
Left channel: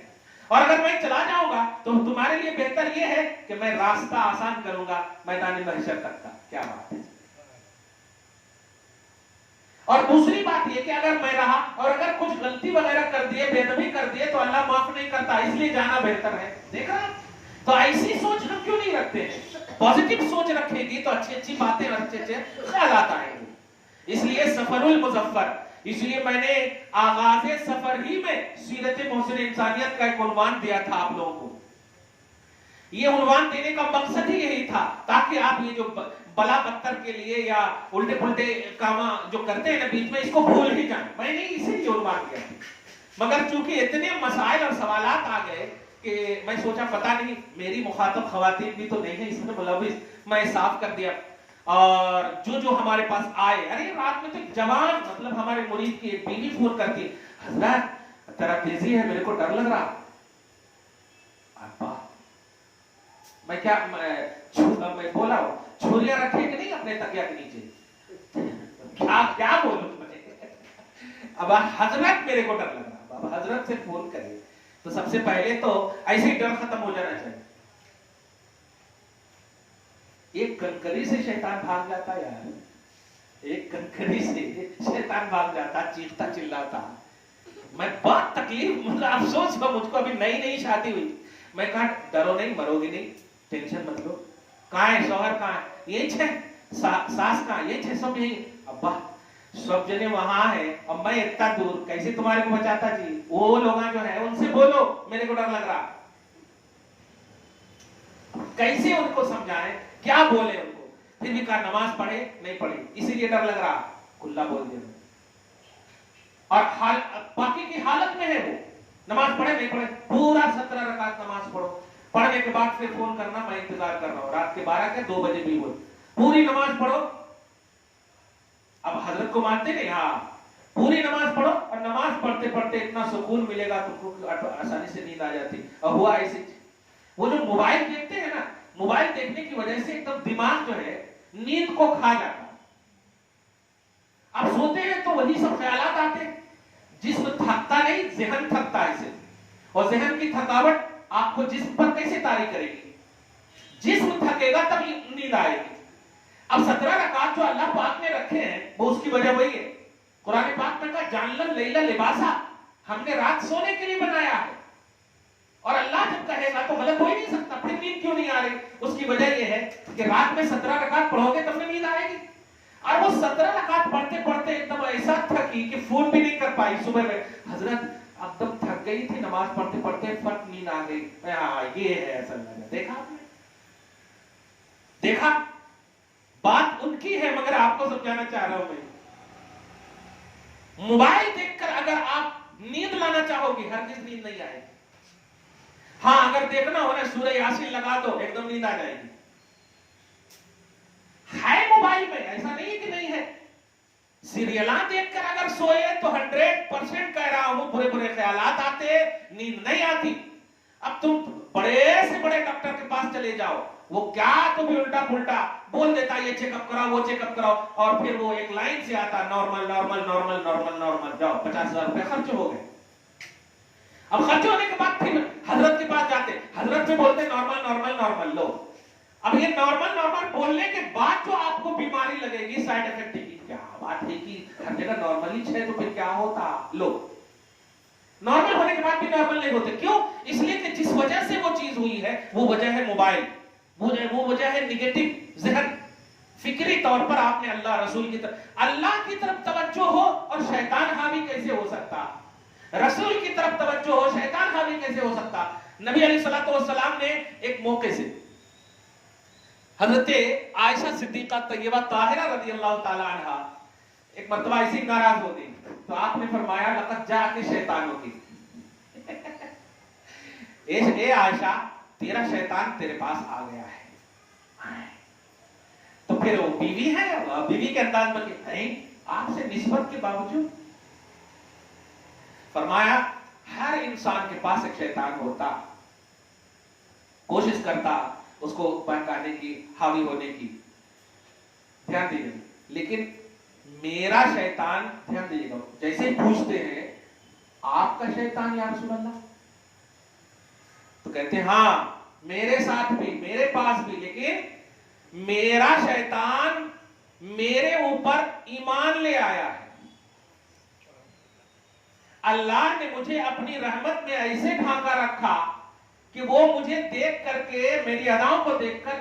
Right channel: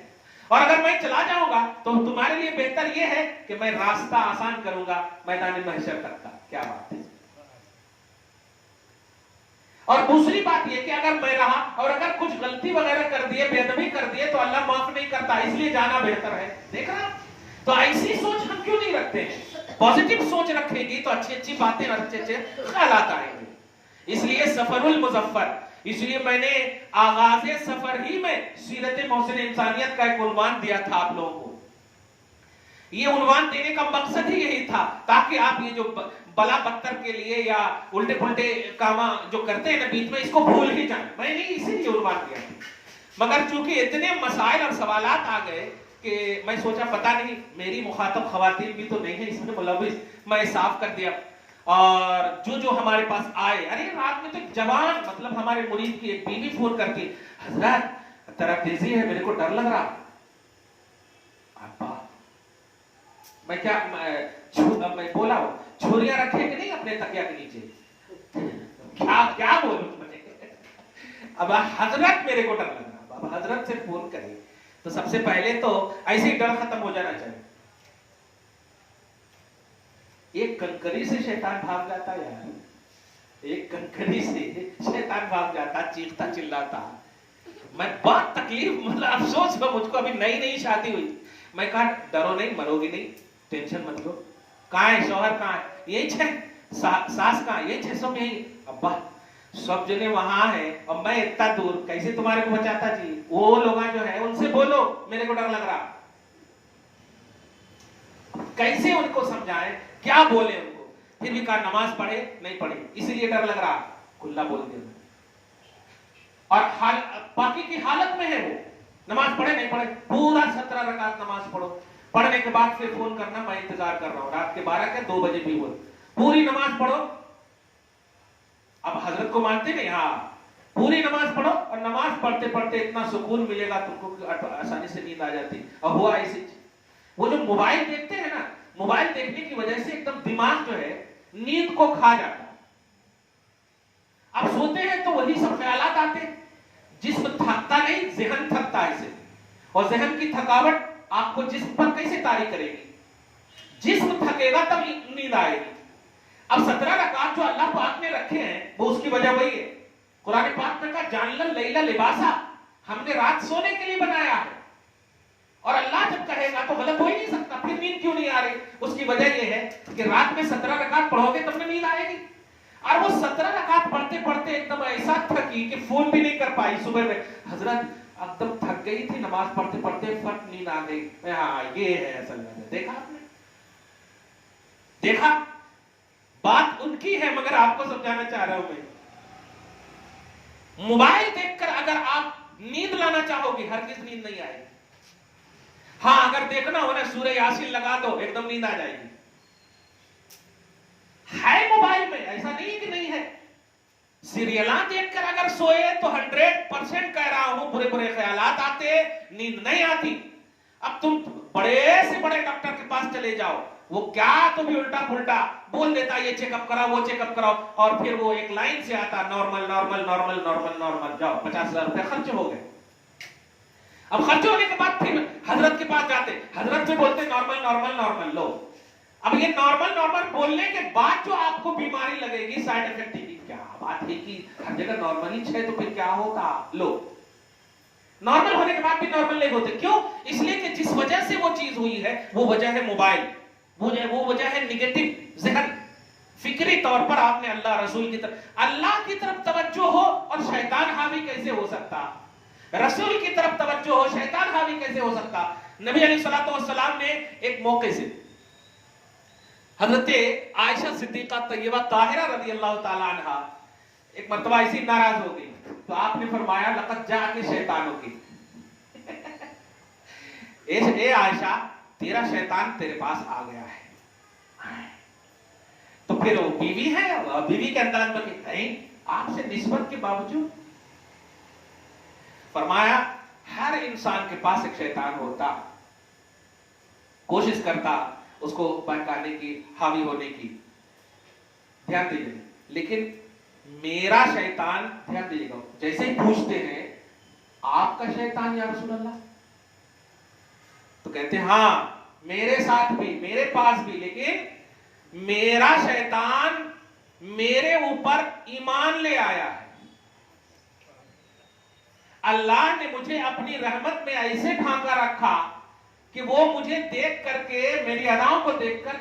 और अगर मैं चला जाऊंगा तो तुम्हारे लिए बेहतर ये है कि मैं रास्ता आसान करूंगा मैदान महशर तक का। क्या बात है। और दूसरी बात ये कि अगर मैं रहा और अगर कुछ गलती वगैरह कर दिए, बेअदबी कर दिए, तो अल्लाह माफ नहीं करता, इसलिए जाना बेहतर है। देख रहा, तो ऐसी सोच हम क्यों नहीं रखते हैं? पॉजिटिव सोच रखेगी तो अच्छी अच्छी बातें और अच्छे अच्छे ख्यालात आएंगे। इसलिए सफरुल मुजफ्फर, इसलिए मैंने आगाज़े सफर ही में सीरत मोहसिन इंसानियत का एक उन्वान दिया था आप लोगों को। ये उन्वान देने का मकसद ही यही था ताकि आप ये जो बला बत्तर के लिए या उल्टे पुल्टे काम जो करते हैं ना बीच में, इसको भूल ही जाए। मैंने इसीलिए उन्वान दिया था, मगर चूंकि इतने मसाइल और सवालात आ गए कि मैं सोचा पता नहीं मेरी मुखातब खवातीन भी तो नहीं है इसमें मुलविस, मैं साफ कर दिया। और जो हमारे पास आए, अरे रात में तो जवान, मतलब हमारे मुरीद की एक बीवी फोन करके, हजरत तेरा तेजी है, मेरे को डर लग रहा। मैं क्या मैं बोला छुरियां रखे कि नहीं अपने तकिया के नीचे, क्या बोलूं मैं। अब हजरत मेरे को डर लग रहा, अब हजरत से फोन करें तो सबसे पहले तो ऐसे ही डर खत्म हो जाना चाहिए। एक कनकनी से शैतान भाग जाता यार, एक कनकनी से शैतान भाग जाता, चीखता चिल्लाता। मैं बहुत तकलीफ, मतलब अफसोस हुआ मुझको, अभी नई नई शादी हुई। मैं कहा डरो नहीं, मरोगी नहीं, टेंशन मत लो। कहाँ है शौहर, कहाँ है? यही छे। सास कहाँ? यही छे, सब यही। अब्बा सब जने वहां है और मैं इतना दूर, कैसे तुम्हारे को बचाता जी? वो लोग जो है उनसे बोलो, मेरे को डर लग रहा। कैसे उनको समझाएं, क्या बोले उनको? फिर भी कहा नमाज पढ़े नहीं पढ़े, इसीलिए डर लग रहा, खुला बोल दिया। और बाकी की हालत में है वो, नमाज पढ़े नहीं पढ़े, पूरा 17 रकात नमाज पढ़ो, पढ़ने के बाद फिर फोन करना, मैं इंतजार कर रहा हूं, रात के 12 के 2 बजे भी बोल, पूरी नमाज पढ़ो। अब हजरत को मानते नहीं? हाँ, पूरी नमाज पढ़ो और नमाज पढ़ते पढ़ते इतना सुकून मिलेगा तुमको, आसानी से नींद आ जाती। और हुआ ऐसे, वो जो मोबाइल देखते हैं ना, मोबाइल देखने की वजह से एकदम दिमाग जो है नींद को खा जाता है। अब सोते हैं तो वही सब ख्यालात आते हैं, जिस्म थकता नहीं, ज़हन थकता है सिर्फ। और ज़हन की थकावट आपको जिस्म पर कैसे तारी करेगी? जिस्म थकेगा तब नींद आएगी। अब 17 रकात जो अल्लाह पाक ने रखे हैं, वो उसकी वजह वही है। कुरान पाक में कहा जानलन लैला लिबासा, हमने रात सोने के लिए बनाया है। और अल्लाह जब कहेगा तो गलत हो ही नहीं सकता, फिर नींद क्यों नहीं आ रही? उसकी वजह ये है कि रात में 17 रकात पढ़ोगे तब नींद आएगी। और वो 17 रकात पढ़ते पढ़ते एकदम ऐसा थकी कि फोन भी नहीं कर पाई। सुबह में हजरत एकदम थक गई थी, नमाज पढ़ते पढ़ते फट नींद आ गई। हाँ, ये है असल वजह। देखा आपने? देखा, बात उनकी है मगर आपको समझाना चाह रहा हूं मैं। मोबाइल देखकर अगर आप नींद लाना चाहोगे, हरगिज नींद नहीं आएगी। हाँ, अगर देखना हो ना, सूरह यासीन लगा दो, एकदम नींद आ जाएगी। है मोबाइल में, ऐसा नहीं है कि नहीं है। सीरियला देखकर अगर सोए तो 100% कह रहा हूं बुरे बुरे ख्यालात आते, नींद नहीं आती। अब तुम बड़े से बड़े डॉक्टर के पास चले जाओ, वो क्या तो भी उल्टा पुल्टा बोल देता, ये चेकअप कराओ, वो चेकअप कराओ, और फिर वो एक लाइन से आता normal normal normal normal normal, जाओ 50,000 रुपए खर्च हो गए। अब खर्च होने के बाद फिर हजरत के पास जाते, हजरत से बोलते नॉर्मल नॉर्मल नॉर्मल लो। अब ये नॉर्मल नॉर्मल बोलने के बाद जो आपको बीमारी लगेगी, साइड इफेक्ट की क्या बात है कि हर जगह नॉर्मल ही है, तो फिर क्या होता? लो, नॉर्मल होने के बाद भी नॉर्मल नहीं होते। क्यों? इसलिए कि जिस वजह से वो चीज हुई है वो वजह है मोबाइल, वो वजह है निगेटिव ज़हन। फिक्री तौर पर आपने अल्लाह रसूल की तरफ तवज्जो हो और शैतान हावी कैसे हो सकता? रसूल की तरफ तवज्जो हो, शैतान हावी कैसे हो सकता? नबी अलैहिस्सलातु वस्सलाम ने एक मौके से हजरत आयशा सिद्दीका तैयबा ताहिरा रज़ियल्लाहु ताला अन्हा एक मर्तबा ऐसी नाराज हो गई, तो आपने फरमाया लक़द जाके शैतान होगी। ए आयशा, तेरा शैतान तेरे पास आ गया है। तो फिर वो बीवी है, बीवी के अंदाज में नहीं, आपसे निस्बत के बावजूद फरमाया हर इंसान के पास एक शैतान होता, कोशिश करता उसको बहकाने की, हावी होने की। ध्यान दीजिए, लेकिन मेरा शैतान, ध्यान दीजिएगा, जैसे पूछते हैं आपका शैतान या रसूल अल्लाह, तो कहते हैं हाँ मेरे साथ भी, मेरे पास भी, लेकिन मेरा शैतान मेरे ऊपर ईमान ले आया है। अल्लाह ने मुझे अपनी रहमत में ऐसे ढांका रखा कि वो मुझे देख करके, मेरी अदाओं को देखकर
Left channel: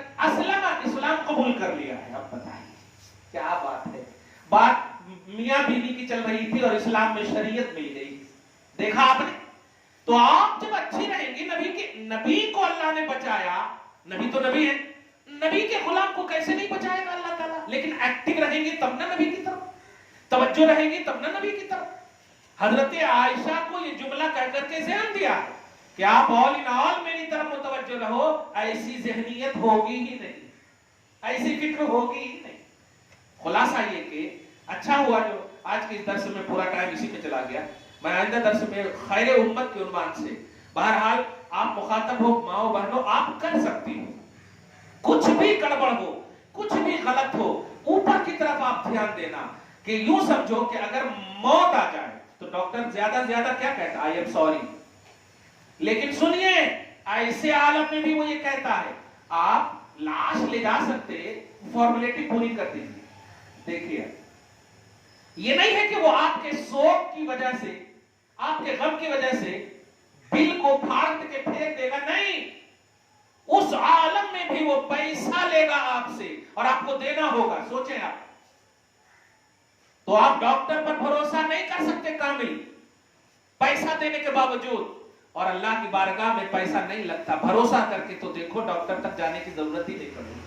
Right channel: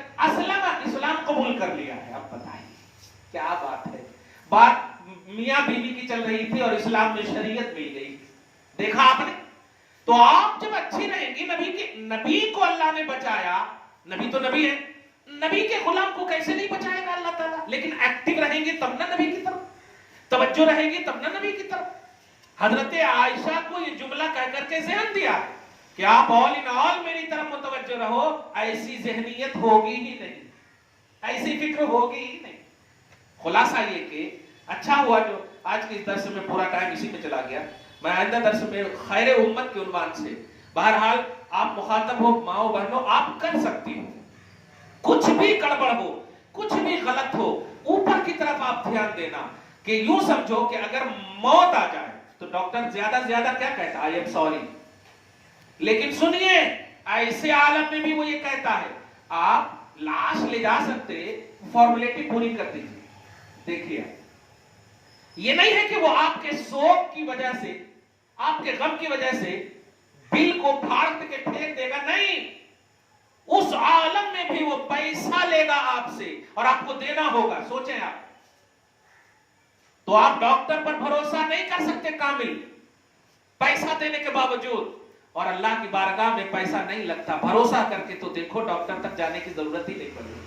इस्लाम कबूल कर लिया है। अब बताइए क्या बात है। बात मियां बीवी की चल रही थी और इस्लाम में शरीयत मिल गई। देखा आपने? तो आप जब अच्छी रहेंगी, नबी को अल्लाह ने बचाया, नबी तो नबी है, नबी के गुलाम को कैसे नहीं बचाएगा अल्लाह ताला? लेकिन एक्टिव रहेंगे तब ना नबी की तरफ, तवज्जो रहेगी तब ना नबी की तरफ। हजरत आयशा को ये जुमला कह करके ज़हन दिया कि आप ऑल इन ऑल मेरी तरफ मुतवज्जो रहो, ऐसी ज़हनियत होगी ही नहीं, ऐसी फिक्र होगी ही नहीं। खुलासा ये कि अच्छा हुआ जो आज के इस दर्स में पूरा टाइम इसी पे चला गया। मैं आइंदा दर्स में खैर उम्मत के उन्वान से, बहरहाल आप मुखातब हो, माओ बहनों, आप कर सकती हो, कुछ भी गड़बड़ हो, कुछ भी गलत हो, ऊपर की तरफ आप ध्यान देना कि यूं समझो कि अगर मौत आ जाए तो डॉक्टर ज्यादा से ज्यादा क्या कहता है? I am sorry. लेकिन सुनिए, ऐसे आलम में भी वो ये कहता है आप लाश ले जा सकते, फॉर्मेलिटी पूरी कर दीजिए। देखिए, ये नहीं है कि वो आपके शोक की वजह से, आपके गम की वजह से बिल को फाड़ के फेंक देगा, नहीं, उस आलम में भी वो पैसा लेगा आपसे और आपको देना होगा। सोचें आप, तो आप डॉक्टर पर भरोसा नहीं कर सकते कामिल, पैसा देने के बावजूद, और अल्लाह की बारगाह में पैसा नहीं लगता। भरोसा करके तो देखो, डॉक्टर तक जाने की जरूरत ही नहीं पड़ेगी।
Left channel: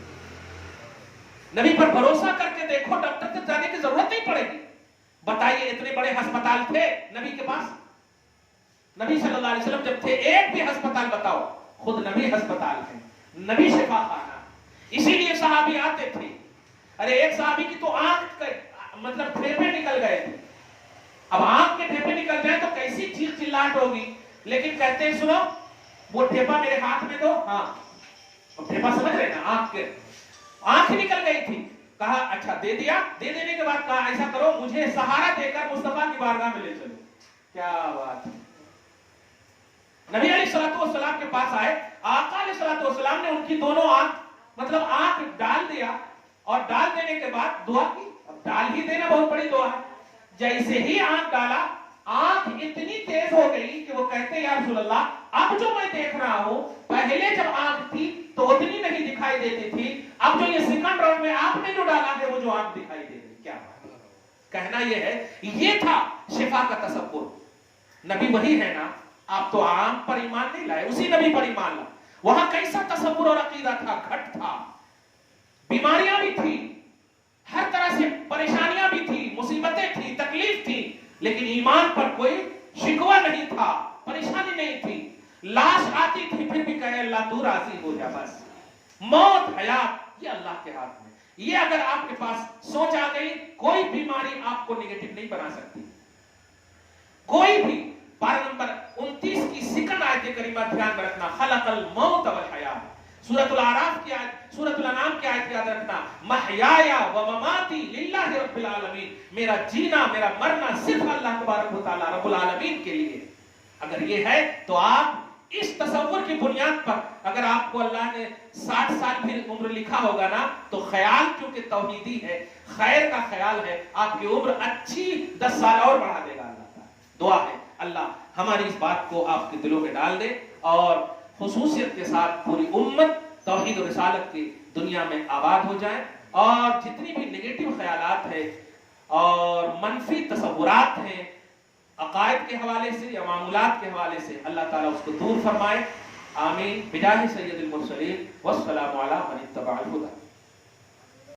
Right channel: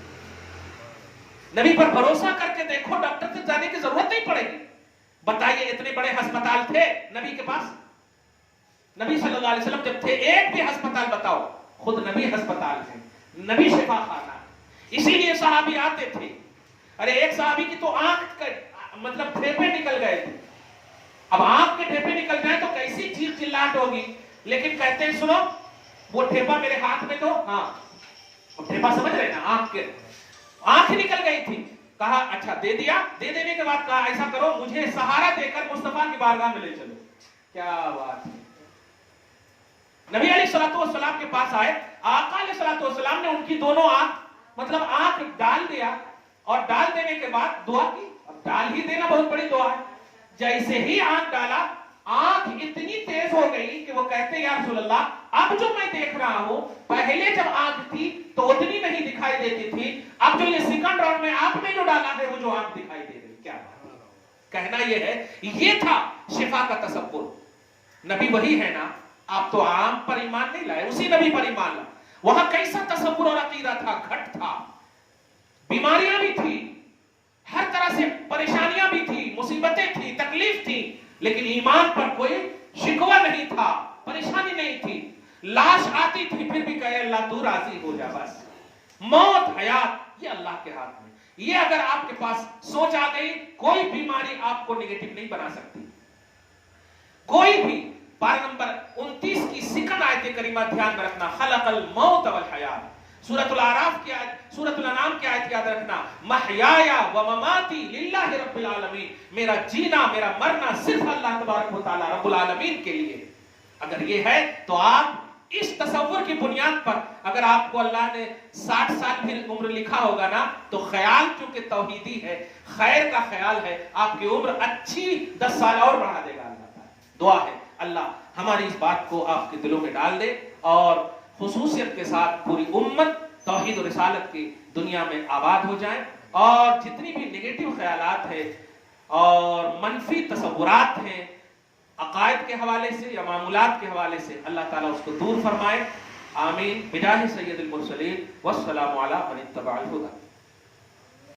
नबी पर भरोसा करके देखो, डॉक्टर तक जाने की जरूरत नहीं पड़ेगी। बताइए, इतने बड़े अस्पताल थे नबी के पास, नबी सल्लल्लाहु अलैहि वसल्लम जब थे, एक भी अस्पताल बताओ, खुद नबी अस्पताल थे, नबी शिफा खाना, इसीलिए सहाबी आते थे। अरे एक सहाबी की तो आंख मतलब फेफे निकल गए थे। अब आंख के फेफे निकल जाए तो कैसी चीख चिल्लाहट होगी, लेकिन कहते हैं सुनो, वो ठेपा मेरे हाथ में दो। हाँ, ठेपा समझ रहे ना, आंख निकल गई थी, कहा अच्छा दे दिया। दे देने के बाद कहा ऐसा करो, मुझे सहारा देकर मुस्तफा की बारगाह में ले चलो। क्या बात है। नबी अलैहिस्सलाम के पास आए, आका अलैहिस्सलाम ने उनकी दोनों आंख मतलब आंख डाल दिया, और डाल देने के बाद दुआ की। अब डाल ही देना बहुत बड़ी दुआ है। जैसे ही आंख डाला, आंख इतनी तेज हो गई कि वो कहते हैं या रसूल अल्लाह, अब जो मैं देख रहा हूं, पहले जब आंख थी तो उतनी नहीं दिखाई देती थी, अब जो ये सेकंड राउंड में आपने जो डाला है वो जो आंख दिखाई दे रही। क्या कहना ये है, ये था शिफा का तसव्वुर। नबी वही है ना, आप तो आम पर ईमान नहीं लाए, उसी नबी पर ईमान ला। वहां कैसा तसव्वुर और अकीदा था, घट था, बीमारियां भी थी, हर तरह से परेशानियां भी थी, मुसीबतें थी, तकलीफ थी, लेकिन ईमान पर कोई शिकवा नहीं था, परेशानी नहीं थी। लाश आती थी फिर भी कहे अल्लाह तू राजी हो जा, बस। मौत हयात ये अल्लाह के हाथ में। ये अगर आपके पास सोच आ गई, कोई बीमारी आपको नेगेटिव नहीं बना सकती, कोई भी। पारा नंबर 29 की सिकंड आयत करीमा ध्यान में रखना, खलकल मौत वल हयात। सूरतुल आराफ की आयत, सूरतुल अनाम की आयत याद रखना, महयाया व ममाती लिल्लाहि रब्बिल आलमीन। मेरा जीना, मेरा मरना सिर्फ अल्लाह तबारक व तआला रब्बुल आलमीन के लिए। अगर ये है तो आप इस तसव्वुर की बुनियाद पर, अगर आपको अल्लाह ने 60 साल भी उम्र लिखा होगा ना, तो ख्याल चूंकि तौहीदी है, खैर का ख्याल है, आपकी उम्र अच्छी 10 साल और बढ़ा देगा अल्लाह। दुआ है अल्लाह हमारी इस बात को आपके दिलों में डाल दे, और खुसूसियत के साथ पूरी उम्मत तौहीद और रिसालत की दुनिया में आबाद हो जाए, और जितनी भी नेगेटिव ख्यालात है और मनफी तसव्वुरात हैं अकायद के हवाले से या मामूलात के हवाले से, अल्लाह ताला उसको दूर फरमाए। आमीन। बिजाहि सय्यदुल मुरसलीन वस्सलामु अला मन इत्तबअल हुदा।